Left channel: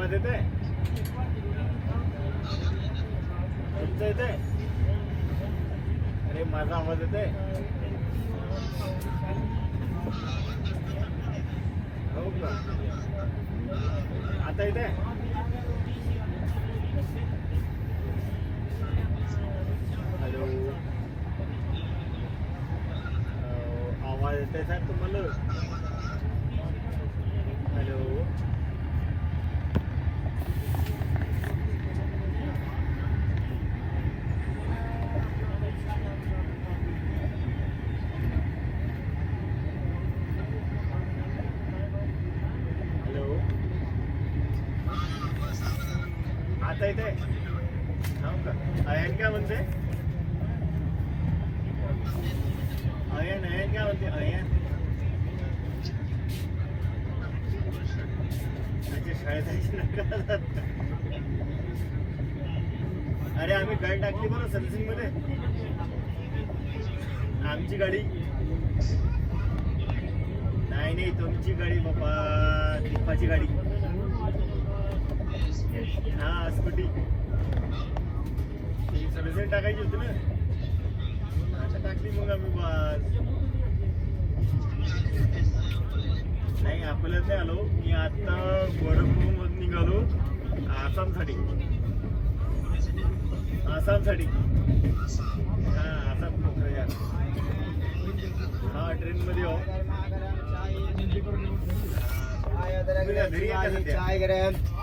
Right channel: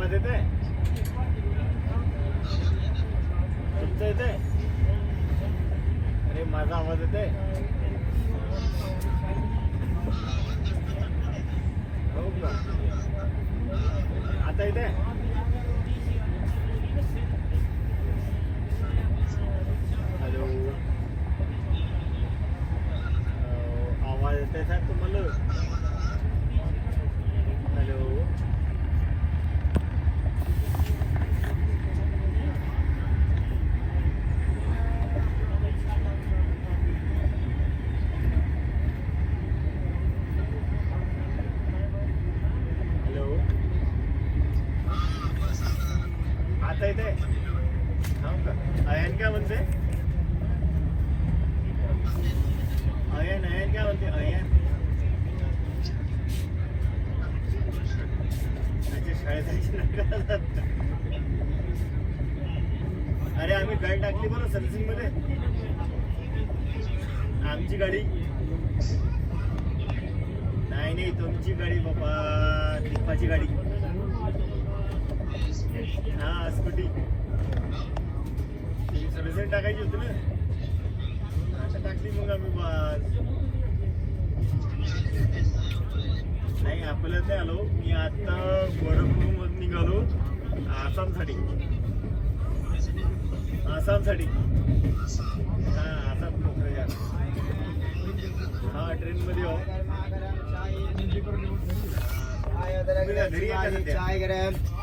आवाज येते तुमच्या इथे अरे माझा आवाज येते आता इथे हॅलो आवाज येते सर तुम्हाला हॅलो आता इथे अयन काय म्हणते अयन काय म्हणते अयन त्याच्या शाळेत अरे आम्ही गाडी टाकली बरं सर्व्हिसिंग मध्ये आमची गाडी नाही तुमची गाडी बाबा दीपाची गाडी हा स्कूटी सर्व्हिसिंग टाकायची होती ना आता टाकली मग आम्ही नाही अकोल्यात नाही आलो मी आता वडोदरामधून निघालो आसामसाठी हा आसाम हा ट्रेनमध्ये आहो घरी येतात